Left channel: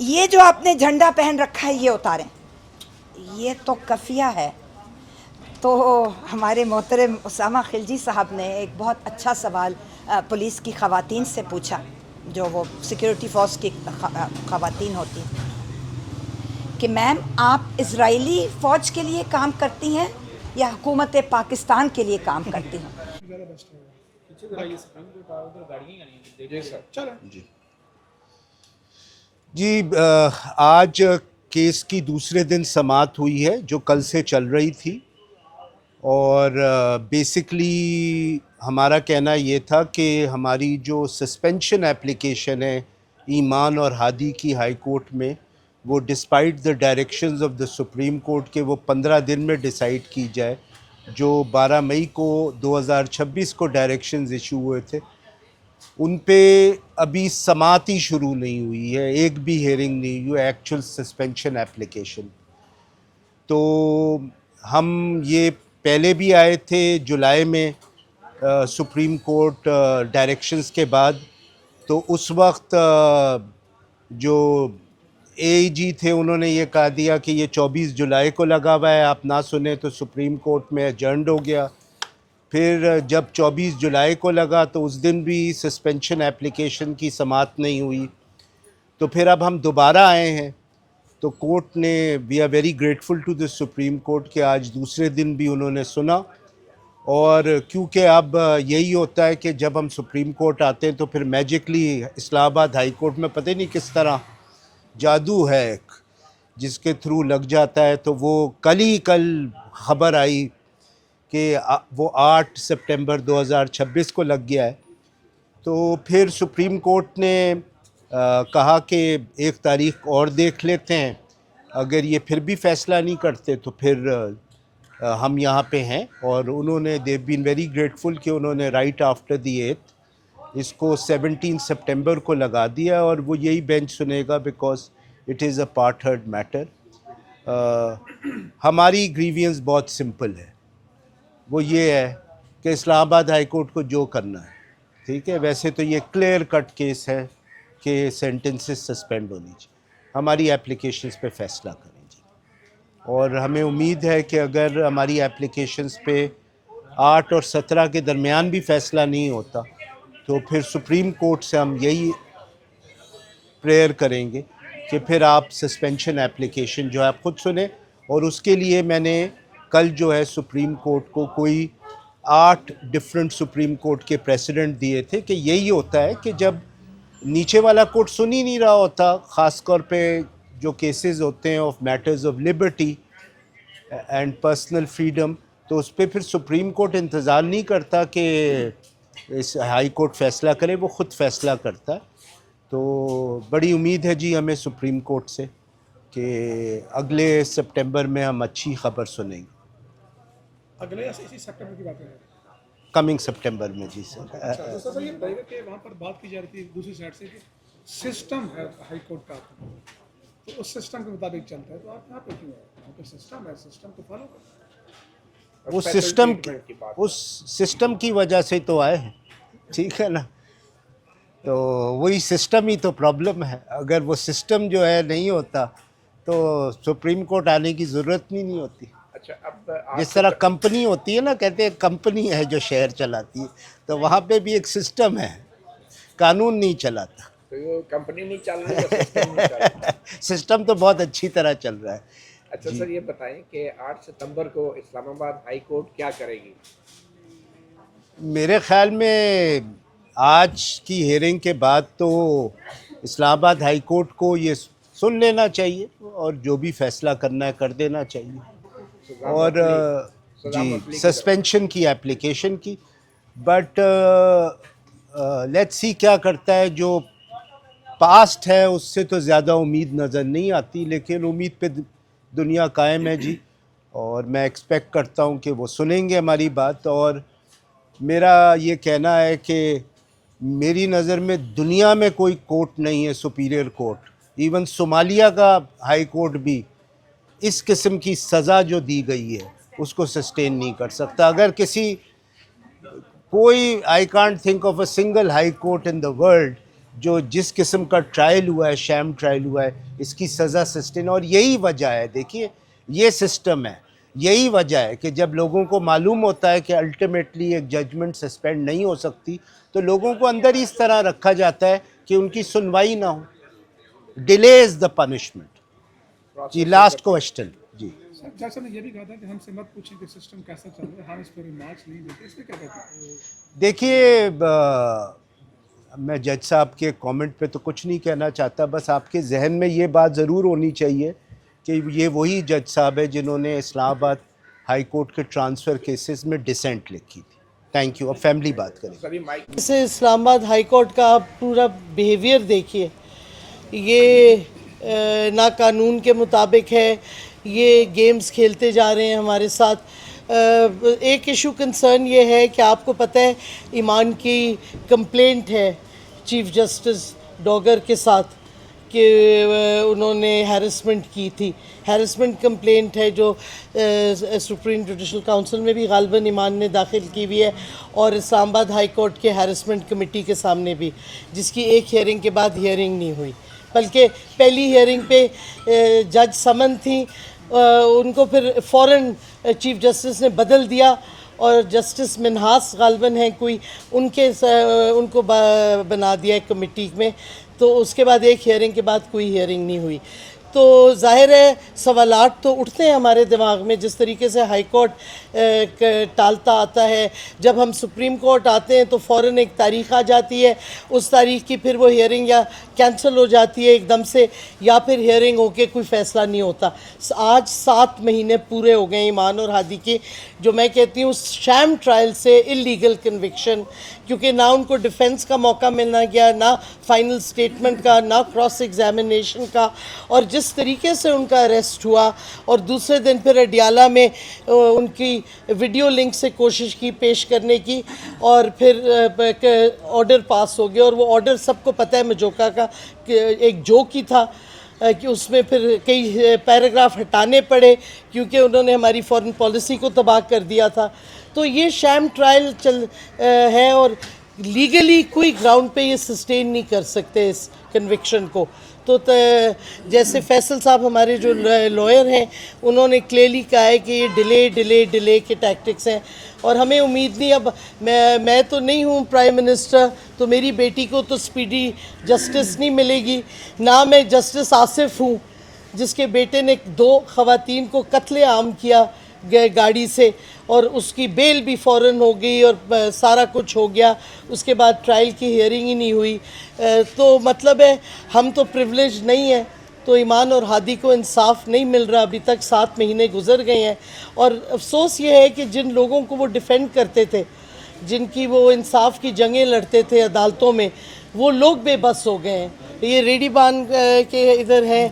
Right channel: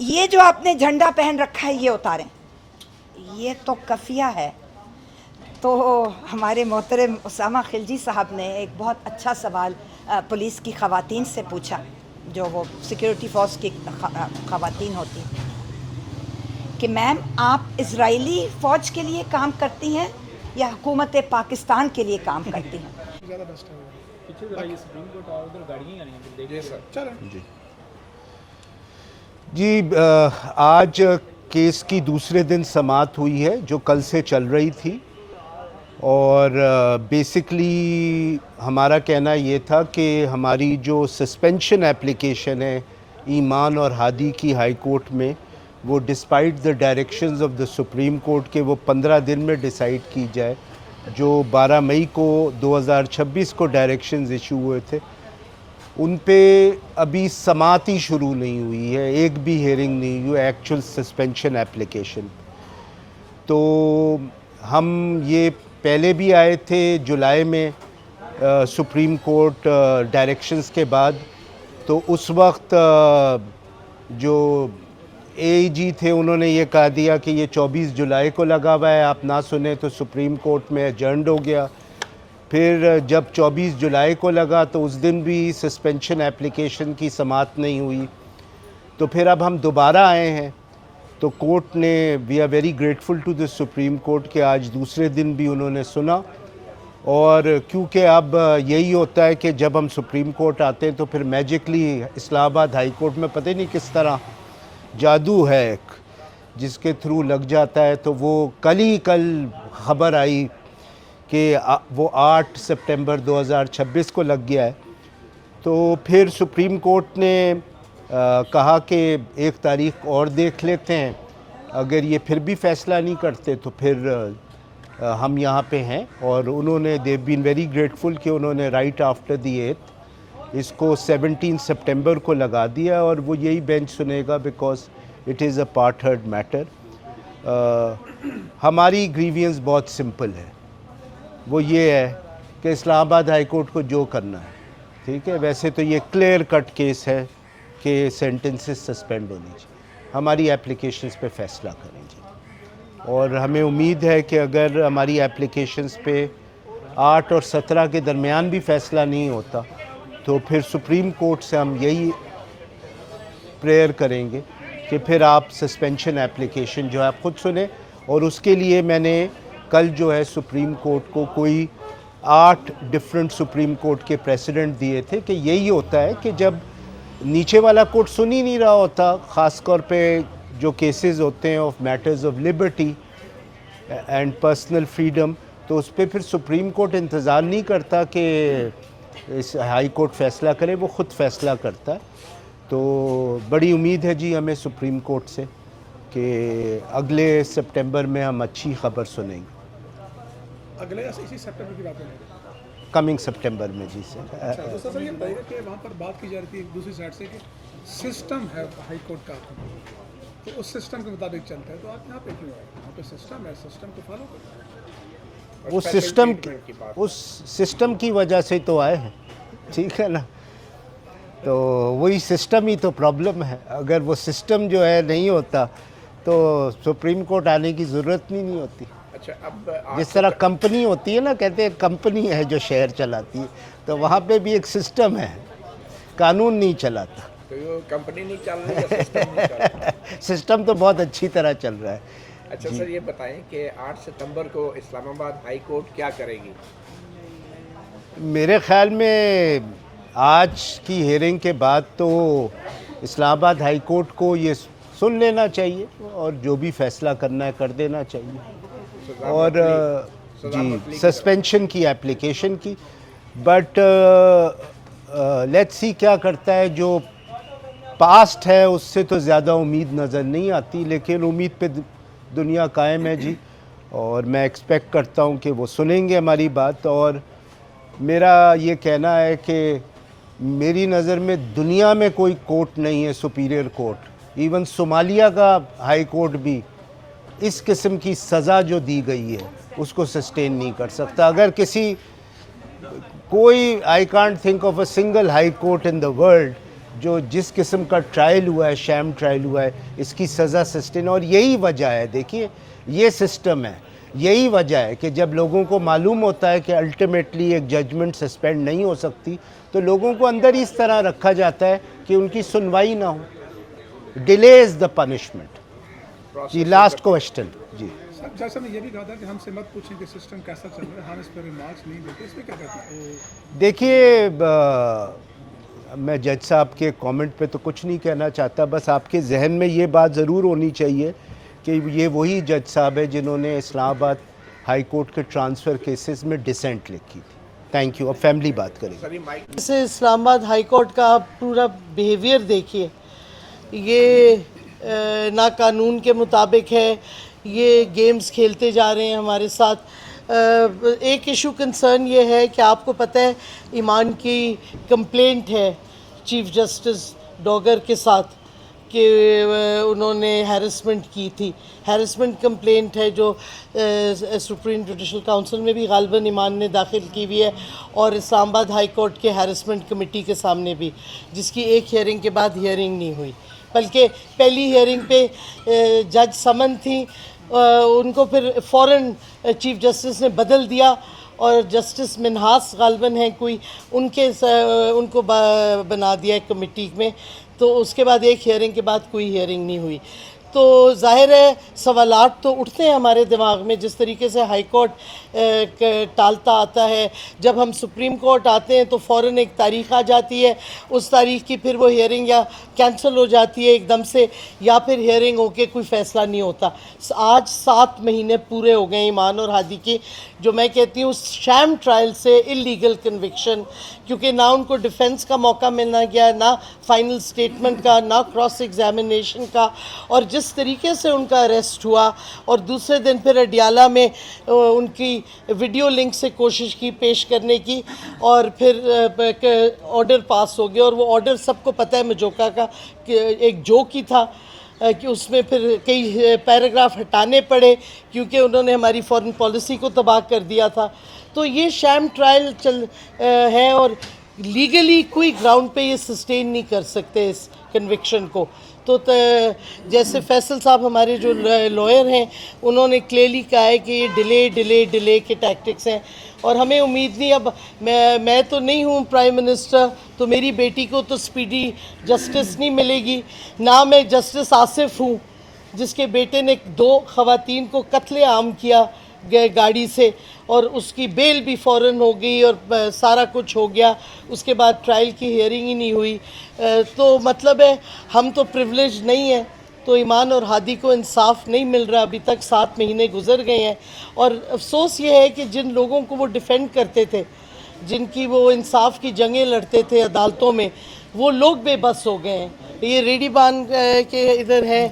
یہ جو آپ نے جھنڈا پہن رکھا ہے یہ اتاریں، یہ تو کفیہ ہے. تو ہمارے محترم اسامہ خلجی صاحب نے ایک بہت اچھا سوال پولیس کی خواتین سے پوچھا، جو وہ سیکیورٹی فورس کی خواتین ہوتی، کہ میم آپ اسرائیلی فوج کے لیے کام کرتی ہیں یا حکومت پاکستان کے لیے کام کرتی ہیں؟ جی آج کیس کی دوسرے دن سماعت ہوئی ہے جو کل سے چل رہی تھی، اور بیسکلی ہمارا کہنا یہ تھا کہ ہماری جو سسپینشن اپلیکیشن ہے ایمان اور ہادی کی ہائی کورٹ میں، وہ despite the directions of the supreme court کے وہ 15 دن میں ڈیسائیڈ کی جائے، جو 12 مئی کو 2026 کو ڈائریکشنز ایشو ہوئے تھے. ان پہ ابھی سماعت ہی شروع نہیں ہوئی ہے، ایک بھی ہیئرنگ نہیں ہوئی ایکچوئل سسپینشن اپلیکیشن. تو ہم یہ پہلے بھی آئے تھے جولائی میں سپریم کورٹ ڈائریکشنز کے بعد، تو اس وقت جو اے جی تھے انہوں نے یہ کہا دیا کہ یہ 24 جولائی کو لگا ہوا ہے، آپ نہ سنیں تو سپریم کورٹ میں ایڈجرنڈ ہو گیا. پھر جب 24 جولائی کو لگا تو اس دن بھی سسپینشن اپلیکیشن کی سماعت نہیں ہوئی. تو پھر اب ہم دوبارہ آئے ہیں، تو کورٹ نے we are very grateful to the supreme court کہ آج دوسرے دن بھی انہوں نے سنا. اور کیونکہ اب یہی ہوتا ہے کہ جب ہم سپریم کورٹ آتے ہیں تو پھر میجکلی اسلام آباد ہائی کورٹ میں پتہ نہیں کس طرح جادو ہے ایک جس کے تھرو لگ جاتا ہے. تو وہ کل خبر آئی کہ وہ 8 سپٹمبر 2026 کو لگ گیا ہے. تو پھر سپریم کورٹ نے کہا کہ ایک تاریخ اور دیکھ لیتے ہیں، اگر یہ پھر بھی فیصلہ نہیں کرتے تو پھر ہم یہاں پہ ہیں. اور انہوں نے دیو بین ویری گریٹفل کہ انہوں نے رائٹ آفٹر دی 8 اس کو 17 سپٹمبر کو لگا دیا، اور وہ یہی بینچ سنے گا because it is a part heard matter. ہماری گریوینس بہت سمپل ہے، وہ یہ ہے کہ اسلام آباد ہائی کورٹ کو جو کرنا ہے ٹھیک ہے. ویسے تو یہ کلیئر کٹ کیس ہے کہ سینٹنسز سسپینڈ ہونی چاہیے، ہماری اپلیکیشنز پہ فیصلہ کریں گے. اور ہمیں امید ہے کہ اگر ہماری اپلیکیشنز پہ 8 اور 17 کے درمیان بھی فیصلہ نہیں ہوتا تو پھر سپریم کورٹ سے ہم یہی پریئر کریں گے کہ پھر آپ سسپینشن اپلیکیشن جو ہے آپ خود سنیں. اور اس کے لیے میں نے کل جو ہے سپریم کورٹ کو کوئی 8 ڈفرینٹ سپریم کورٹ کے پریسیڈنٹ دیے تھے کہ یہی ہوتا ہے کہ جب نیچے والا کورٹ سن ہی نہیں رہا ہوتا، خاص طور پہ جو کیسز ہوتے ہیں of matters of liberty and personal freedom, تو اس پہ پھر سپریم کورٹ انتظار نہیں کرتا کہ اس ہائی کورٹ فیصلہ کرے، وہ خود فیصلہ کرتا ہے. تو بڑی امید ہے جی ہمیں سپریم کورٹ سے کہ اگلے سپٹمبر میں ہم اچھی خبر سنیں گے. اگلے اسی سپٹمبر کی بات ہے، کمنگ سپٹمبر میں جی سر. تو سر یہ بتائیے گا کہ وہاں پر بات کی جا رہی تھی دوسری سائڈ سے کہ سسٹم ہے ہائی کورٹ کا، تو اس سسٹم کے مطابق چلتا ہے، تو آپ یہاں پہ کیوں آئے؟ یہاں پہ سسٹم ہے، سسٹم کو فالو کرنا ہے. اس سسٹم کی وجہ سے تو آئے ہیں ٹھیک ہے نا. تو وہی سسٹم ہی تو پرابلم ہے. اگر وہ سسٹم جو ہے نہیں ہوتا تو سپریم کورٹ آنے کی ضرورت نہیں ہوتی. اچھا، اب جس طرح کمپنی ہوتی ہے نا، کہتے ہیں کمپنی ہے جو شہر چلاتی ہے، تو وہاں پہ بھی ایک سسٹم ہے، قانون نہیں چلاتا. کمپنی نہیں چل رہی ہے، سسٹم نہیں چل رہا. سسٹم تو بہت اچھی طرح چل رہا ہے. اچھا سر یہ بتائیں کہ 8 ستمبر کو اسلام آباد ہائی کورٹ کیا کرے گی؟ میرے خیال میں آج کی ہیئرنگ کے بعد تو اسلام آباد ہائی کورٹ کو یہ سن لینا چاہیے اور جو بھی فیصلہ کرنا ہے کر دینا چاہیے. اور جی سسپینشن کی اپلیکیشن کی، بٹ لیٹس سی کیا کرتا ہے. جو پاسٹ ہے اس سے تو زیادہ امید نظر نہیں آتی، لیکن امید پہ دنیا قائم ہے جی. اور میں ایکسپیکٹ کرتا ہوں کہ وہ سنیں گے ہماری بات. اور میرا یہ کہنا ہے کہ میری نظر میں دنیا میں کوئی کورٹ نہیں ہے سپیریئر کورٹ، ایون صومالیہ کا ہائی کورٹ بھی اس قسم کی سزا جو دی گئی ہے اس کو سسٹین نہیں کر سکتا. اگر کوئی I can't think of a single high court in the world جو جس قسم کا ٹرائل ہوا ہے، شیم ٹرائل ہوا ہے، اس کی سزا سسٹین. اور یہی وجہ ہے، دیکھیے یہ سسٹم ہے، یہی وجہ ہے کہ جب لوگوں کو معلوم ہوتا ہے کہ الٹیمیٹلی ایک ججمنٹ سسپینڈ نہیں ہو سکتی تو لوگوں کو اندر اس طرح رکھا جاتا ہے کہ ان کی سنوائی نہ ہو. Delay is the punishment. جی لاسٹ کوشچن. جی سر جج صاحب نے یہ بھی کہا تھا کہ ہم سے مت پوچھیں کہ سسٹم کیسا چل رہا ہے، ہم اس پہ ریمارکس نہیں دیتے، اس پہ کیا کہتے ہیں؟ دیکھیے میں جج صاحب کے کامنٹ پہ تو کچھ نہیں کہنا چاہتا، بس آپ کے ذہن میں یہ بات ضرور ہونی چاہیے کہ یہ وہی جج صاحب ہے جنہوں نے اسلام آباد ہائی کورٹ کے ٹرانسفر کیسز میں ڈسینٹ لکھی تھی. Thank you. اب فیملی بات کریں. جیسے اسلام آباد ہائی کورٹ کا آپ پورا بیہیویئر دیکھیے، یہ نہ قانون کے مطابق ہے، یہ گیمز کھیلتے جا رہے ہیں ہمارے ساتھ. ایک ایشو کنسرن یہ ہے کہ آپ کو پتہ ہے ایمان کی کمپلینٹ ہے چیف جسٹس ڈوگر کے ساتھ کہ انہوں نے ہیرسمنٹ کی تھی. ہیرسمنٹ کمپلینٹ ہے جو سپریم جوڈیشل کاؤنسل میں بھی غالباً ایمان نے داخل کی ہوئی ہے اور اسلام آباد ہائی کورٹ کے ہیرسمنٹ کمیٹی کے سامنے بھی، جس کی ایک ہیئرنگ کے بعد ہیئرنگ نہیں ہوئی، بلکہ پہلی ہیئرنگ پہ جج سمن تھیں، ان کو پھر فوراً چیف جسٹس نے بدل دیا اور جسٹس منہاس غالباً ہیں کوئی، ان کو بنا دیا ایک کمیٹی میں. تو اس کے بعد ایک ہیئرنگ کے بعد کوئی ہیئرنگ نہیں ہوئی. تو ظاہر ہے سوالات تو اٹھتے ہیں ہمارے دماغ میں، جس طریقے سے ہائی کورٹ ٹالتا آتا ہے. جب ہم سپریم کورٹ آتے ہیں تو فوراً ایک تاریخ آ جاتی ہے، اس تاریخ کی پھر وہ ہیئرنگ یا کینسل ہو جاتی ہے ایک دم سے، یا پھر ہیئرنگ ہو کے کوئی فیصلہ نہیں ہوتا. آج 7 مہینے پورے ہو گئے ایمان اور ہادی کے، جو میں کہتی ہوں شام ٹرائل سے اللیگل کنوکشن، کیونکہ نہ ان کو ڈیفنس کا موقع ملنا گیا، نہ فائنل سٹیٹمنٹ کا، نہ کراس ایگزامینیشن کا. اور جس طریقے سے ان کا اریسٹ ہوا اور دوسرے دن پھر اڈیالہ میں ان کی ویڈیو لنک سے کوشش کی پیش کرنے کی، اور پھر آرڈر پاس ہو گیا. اور وہ آرڈر سب کو پتہ ہے مجوکا کا کہ ایک جوک ہی تھا، کہ اس میں پھر کئی پیراگراف ہٹانے پڑے کیونکہ انہوں نے ہماری فورن پالیسی کو تباہ کر دیا تھا. تو یہ شام ٹرائل ہے اور لیگلی کوئی گراؤنڈ پہ یہ سسٹین نہیں کر سکتے اس کنوکشن کو. تو جیسے فیصل صاحب ہمارے جو لائر ہیں، انہوں نے کلیئرلی کہا ہے کہ یہ ڈیلے کے ٹیکٹکس ہیں، اور ہمیں امید نہیں. اب میں تو نہیں ہوں پرائم منسٹر، تو میری بیٹی کو تو سپیڈی جسٹس نہیں ملے گی، نہ میں جسٹس آصف ہوں جس کے بیٹے نے 2 خواتین کو قتل عام کیا گاڑی سے، اور اس کی بیل بھی فوراً ہو گئی اور سارا کچھ ہو گیا، اس کے بعد ٹرائل کی ہیئرنگ ہی نہیں ہوئی. تو مطلب ہے ہم تو پریولیج نہیں ہیں. تو ایمان اور ہادی کو انصاف نہیں مل رہا ابھی تک، 7 مہینے گزر گئے ہیں. اور افسوس یہ ہے کہ جن لوگوں کو وہ ڈیفینڈ کرتے تھے، جن کی وہ انصاف کی جنگیں لڑتے تھے عدالتوں میں، وہ لوگ بے بس ہو گئے ہیں. یہ ریڈی بان کے ادھر ہیں،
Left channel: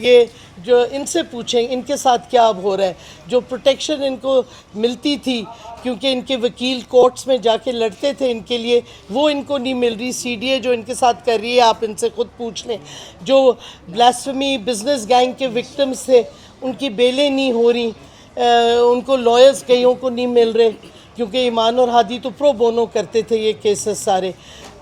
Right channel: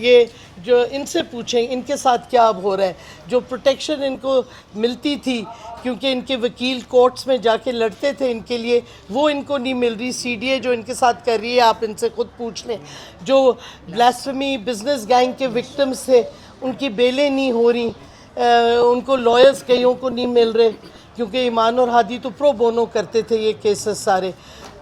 یہ جو ان سے پوچھیں ان کے ساتھ کیا اب ہو رہا ہے. جو پروٹیکشن ان کو ملتی تھی کیونکہ ان کے وکیل کورٹس میں جا کے لڑتے تھے ان کے لیے، وہ ان کو نہیں مل رہی. سی ڈی اے جو ان کے ساتھ کر رہی ہے، آپ ان سے خود پوچھ لیں. جو بلاسفیمی بزنس گینگ کے وکٹمز تھے، ان کی بیلیں نہیں ہو رہی، ان کو لائرز کئیوں کو نہیں مل رہے، کیونکہ ایمان اور ہادی تو پرو بونو کرتے تھے یہ کیسز سارے.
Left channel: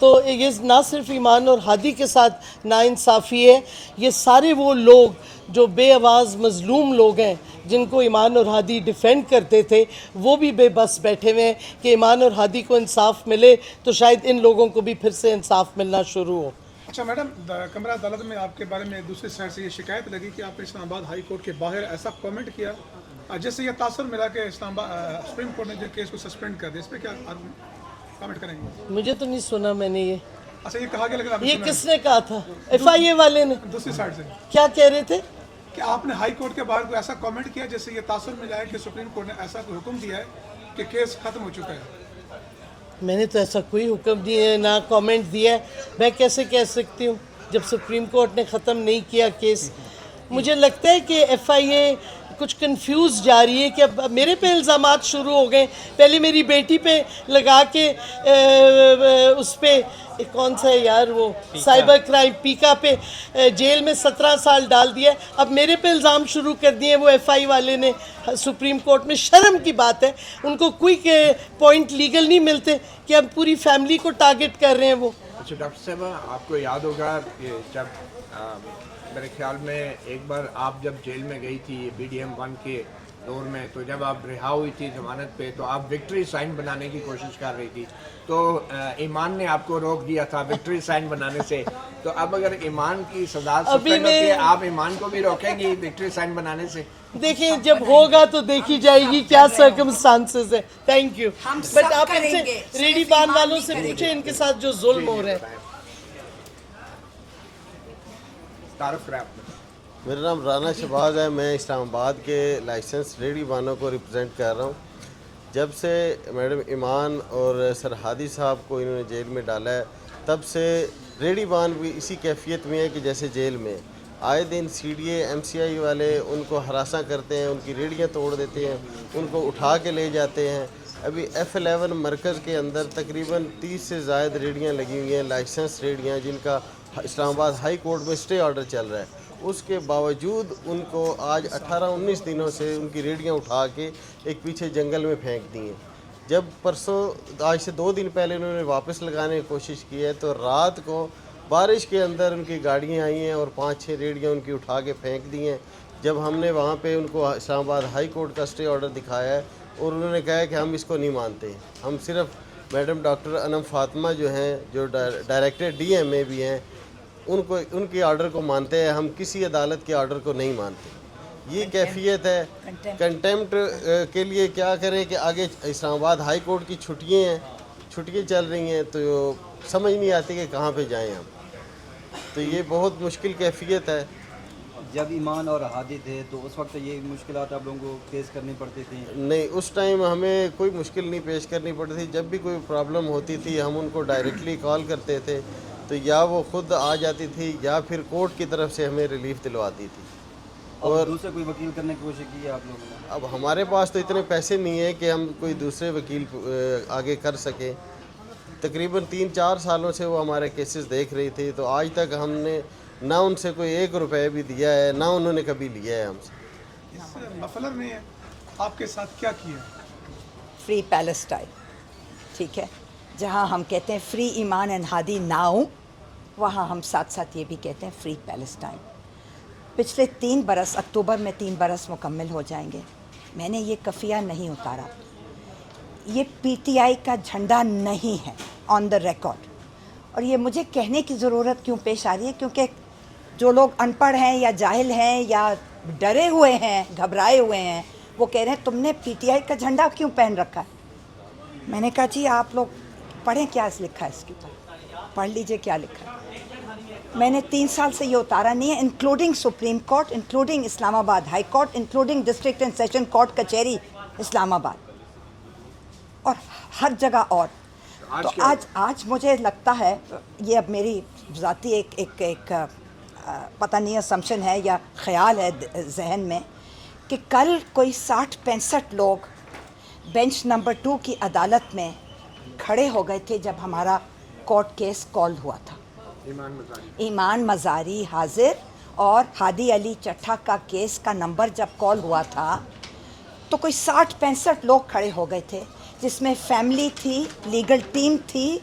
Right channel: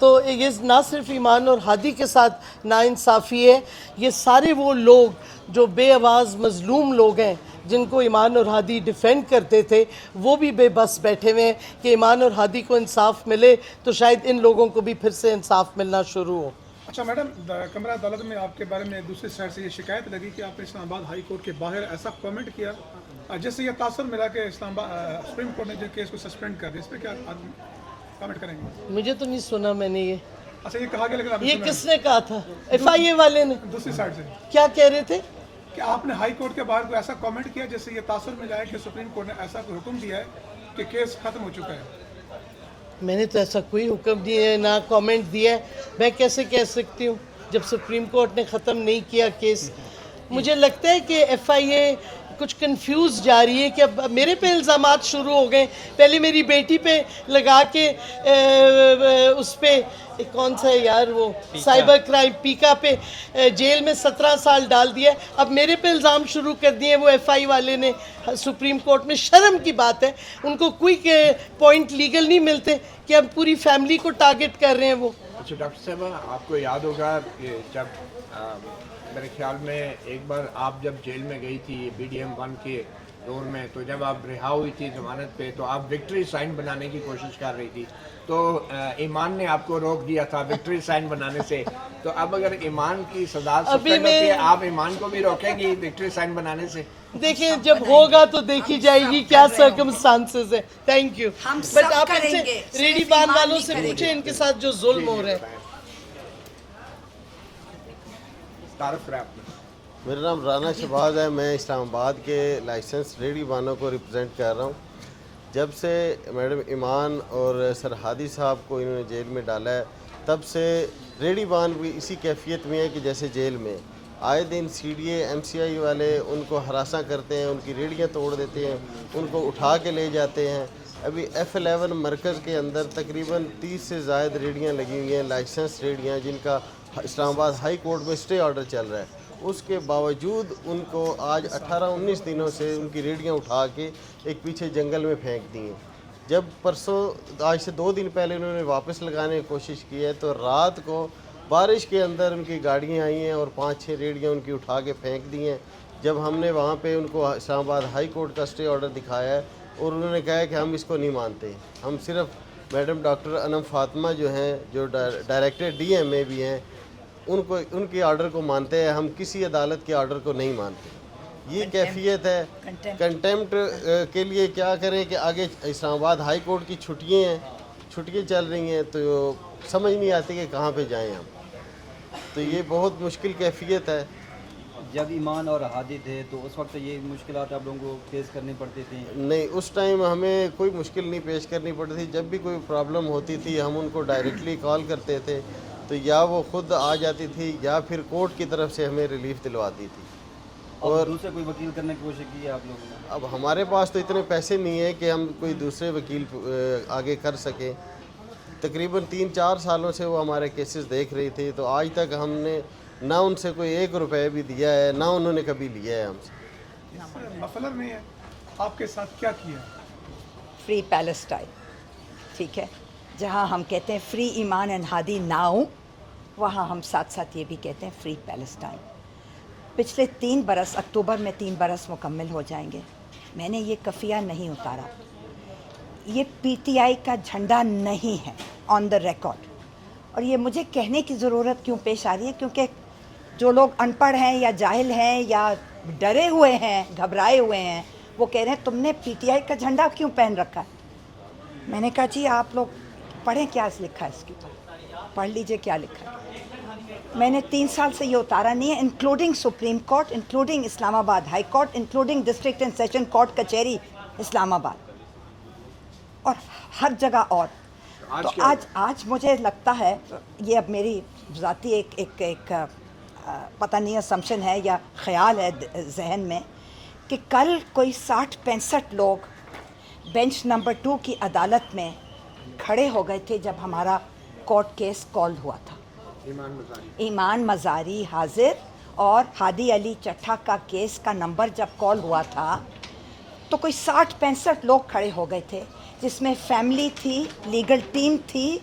تو یہ نہ صرف ایمان اور ہادی کے ساتھ ناانصافی ہے، یہ سارے وہ لوگ جو بے آواز مظلوم لوگ ہیں جن کو ایمان اور ہادی ڈیفینڈ کرتے تھے، وہ بھی بے بس بیٹھے ہوئے ہیں کہ ایمان اور ہادی کو انصاف ملے تو شاید ان لوگوں کو بھی پھر سے انصاف ملنا شروع ہو. اچھا میڈم، کمرہ عدالت میں آپ کے بارے میں دوسری سائڈ سے یہ شکایت لگی کہ آپ نے اسلام آباد ہائی کورٹ کے باہر ایسا کامنٹ کیا جس سے یہ تاثر ملا کہ سپریم کورٹ نے جو کیس کو سسپینڈ کر دیا. اس پہ کیا کامنٹ کریں گے؟ مجھے تو نہیں سنا میں نے یہ. اچھا یہ کہا گیا لیکن یہ کس نے کہا تھا؟ ایف آئی اے والے نے. دوسری سائڈ سے کیا کہہ رہے تھے؟ کہ آپ نے ہائی کورٹ کے باہر کوئی ایسا کامنٹ کیا جس سے یہ تاثر ملا ہے کہ سپریم کورٹ نے ایسا کوئی حکم دیا ہے کہ کیس ختم ہو چکا ہے. میں نے تو ایسا کوئی حکم دیا ہے، نہ کامنٹ دیا ہے. میں کیسے کہہ سکتی ہوں جب سپریم کورٹ نے ختم نہیں کیا کیس؟ مجھے لگتا ہے کہ ایف آئی اے کچھ کنفیوز جا رہی ہے کہ اب میرے پہ الزامات شروع ہو گئے. پہلے میری بیٹی پہ لگا کے اس پہ کون سا ہے یار وہ سائبر کرائم پیکا پہ جیل میں 17 سال ڈال دیا. اب میرے پہ الزام شروع کر دیے وہ ایف آئی والے نے سپریم کورٹ میں. شرم کی بات ہے, ان کو کوئی پوائنٹ لیگل نہیں ملتے کہ اب پوری فیملی کو ٹارگٹ کر رہے ہیں وہ. اچھا ڈاکٹر صاحبہ, آپ کو یاد ہوگا کہ جب میرے خیال میں ایک بار آپ جب جیل میں گئی تھی BDM-1 کے دور میں, تو جب آپ رہا ہوئی تھی ضمانت پہ تو آپ وکٹری سائن بنانے کی کوشش کر رہی تھی, تو ایمان نے آپ کو روک دیا تھا وکٹری سائن بنانے سے. تو اب اگر ایمان کی سزا سسپینڈ ہوتی ہے, آپ ایمان کو بھی روکیں گی وکٹری سائن بنانے سے؟ دیکھیں جب ہوگا تو دیکھی جائے گی کیا سرکمسٹانسز ہے. Thank you. بٹ آپ ان سے ریڈی بان والوں سے پوچھیں ان کے ساتھ جو ظلم ہو رہا ہے. میرا نام رانا شہباز ہے. میں اسلام آباد کے لائسنس ریڈی بانوں کو ریپرزینٹ کر رہا ہوں. جب سے میڈم ایمان اور سر ہادی صاحب کو انہوں نے جیل میں ڈالا ہے, تب سے ریڈی بان بھی اسی کیفیت میں ہے کہ جیسے جیل میں. آئے دن CDA MCI والے ان کو ہراساں کرتے ہیں, ان کی ریڑیاں توڑ دیتے ہیں, ان کو اٹھا کے لے جاتے ہیں. ابھی F11 مرکز کے اندر تقریباً 30 سے زائد ریڑیاں لگی ہوئی ہیں, لائسنس ریڑیاں, جن کا اسلام آباد ہائی کورٹ میں اسٹے آرڈر چل رہا ہے. اس کے باوجود ان کو آج 18-19 دنوں سے ان کی ریڑیاں اٹھا کے ایک پیچھے جنگل میں پھینک دی ہیں. جب پرسوں آج سے 2 دن پہلے انہوں نے واپس لگانے کی کوشش کی ہے, تو رات کو بارش کے اندر ان کی گاڑیاں آئی ہیں اور 5-6 ریڑیاں ان کی اٹھا کے پھینک دی ہیں. جب ہم نے وہاں پہ ان کو اسلام آباد ہائی کورٹ کا اسٹے آرڈر دکھایا ہے, اور انہوں نے کہا ہے کہ ہم اس کو نہیں مانتے. ہم صرف میڈم ڈاکٹر انم فاطمہ جو ہیں, جو ڈائریکٹر DMA بھی ہیں, ان کے آرڈر کو مانتے ہیں. ہم کسی عدالت کے آرڈر کو نہیں مانتے. یہ کیفیت ہے. کنٹیمپٹ کے لیے کیا کریں کہ آگے اسلام آباد ہائی کورٹ کی چھٹیاں چل رہی ہیں, تو سمجھ نہیں آتی کہ کہاں پہ جائیں ہم. تو یہ بہت مشکل کیفیت ہے. جب ایمان اور ہادی تھے تو اس وقت یہ مشکلات آپ لوگوں کو فیس کرنی پڑتی تھیں؟ نہیں, اس ٹائم ہمیں کوئی مشکل نہیں پیش کرنی پڑتی تھی. جب بھی کوئی پرابلم ہوتی تھی ہم ان کو ڈائریکٹلی کال کرتے تھے, تو یا وہ خود آ جاتی تھی یا پھر کورٹ کی طرف سے ہمیں ریلیف دلواتی تھی. اور دوسرے کوئی وکیل کرنے کی کوشش کی ہے آپ لوگوں نے؟ اب ہمارے پاس تو اتنے پیسے نہیں ہیں کہ ہم کوئی دوسرے وکیل آگے کر سکیں. تقریباً 3-4 سالوں سے وہ ہمارے کیسز دیکھ رہی تھی, تو آج تک ہم نے نہ ان سے کوئی 1 روپے بھی دیا ہے, نہ انہوں نے کبھی لیا ہے ہم سے. اس مفلر نے آپ کے ساتھ کیا کیا؟ فری پیلسٹائن, ٹھیک ہے, جہاں ہم کہتے ہیں فری ایمان اینڈ ہادی ناؤ, وہاں ہم ساتھ ساتھ یہ بھی کہتے ہیں فری پیلسٹائن. پچھلے 3 برس, اکتوبر میں 3 برس مکمل ہو جائیں گے. میں نے یہ کفیہ نہیں اتارا. یہ PTI کا جھنڈا نہیں ہے آن دا ریکارڈ. اور یہ مجھے کہنے کی ضرورت کیوں پیش آ رہی ہے, کیونکہ جو لوگ ان پڑھ ہیں یا جاہل ہیں یا ڈرے ہوئے ہیں, گھبرائے ہوئے ہیں, وہ کہہ رہے ہیں تم نے PTI کا جھنڈا کیوں پہن رکھا ہے. میں نے کہا جی آپ لوگ پڑھیں کیا لکھا ہے اس کے اوپر, پڑھ لیجئے کیا لکھا ہے. میں نے 3 سال سے یہ اتارا نہیں ہے, انکلوڈنگ سپریم کورٹ, انکلوڈنگ اسلام آباد high court, including district and session court کچہری اسلام آباد, اور ہر جگہ. اور تو آج مجھے لگتا ہے, یہ اب میری ذاتی ایک پتہ نہیں اسمپشن ہے یا خیال ہے ذہن میں, کہ کل کوئی 60-65 لوگ بینچ نمبر 2 کی عدالت میں کھڑے ہو گئے تھے جب ہمارا کورٹ کیس کالڈ ہوا تھا. ایمان مزاری حاضر اور ہادی علی چٹھا کا کیس کا نمبر جب کال ہوا تھا, تو کوئی 60-65 لوگ کھڑے ہو گئے تھے, جس میں فیملی تھی, لیگل ٹیم تھی,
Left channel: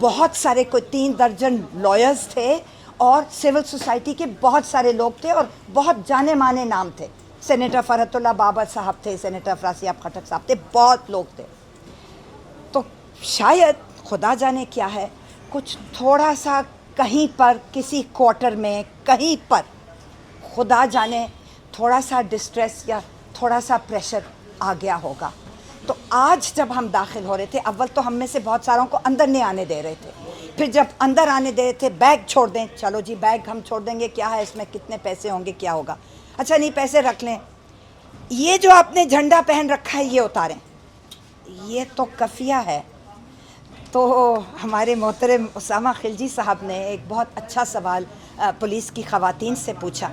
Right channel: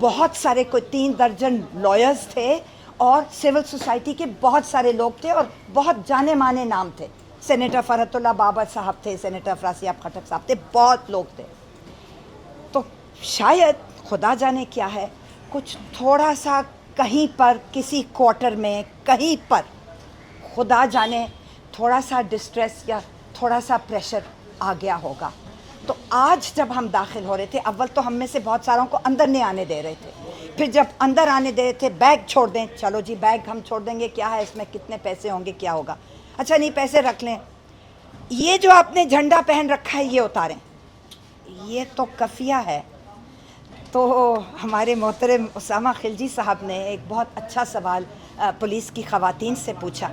بہت سارے کوئی 3 درجن لائرز تھے, اور سول سوسائٹی کے بہت سارے لوگ تھے, اور بہت جانے مانے نام تھے. سینیٹر فرحت اللہ بابر صاحب تھے, سینیٹر فراسی خٹک صاحب تھے, بہت لوگ تھے. تو شاید خدا جانے کیا ہے, کچھ تھوڑا سا کہیں پر کسی کوارٹر میں کہیں پر خدا جانے تھوڑا سا ڈسٹریس یا تھوڑا سا پریشر آ گیا ہوگا. تو آج جب ہم داخل ہو رہے تھے, اول تو ہم میں سے بہت ساروں کو اندر نہیں آنے دے رہے تھے, پھر جب اندر آنے دے رہے تھے بیگ چھوڑ دیں, چلو جی بیگ ہم چھوڑ دیں گے, کیا ہے اس میں, کتنے پیسے ہوں گے, کیا ہوگا, اچھا نہیں پیسے رکھ لیں. یہ جو آپ نے جھنڈا پہن رکھا ہے یہ اتاریں, یہ تو کفیہ ہے. تو ہمارے محترم اسامہ خلجی صاحب نے ایک بہت اچھا سوال پولیس کی خواتین سے پوچھا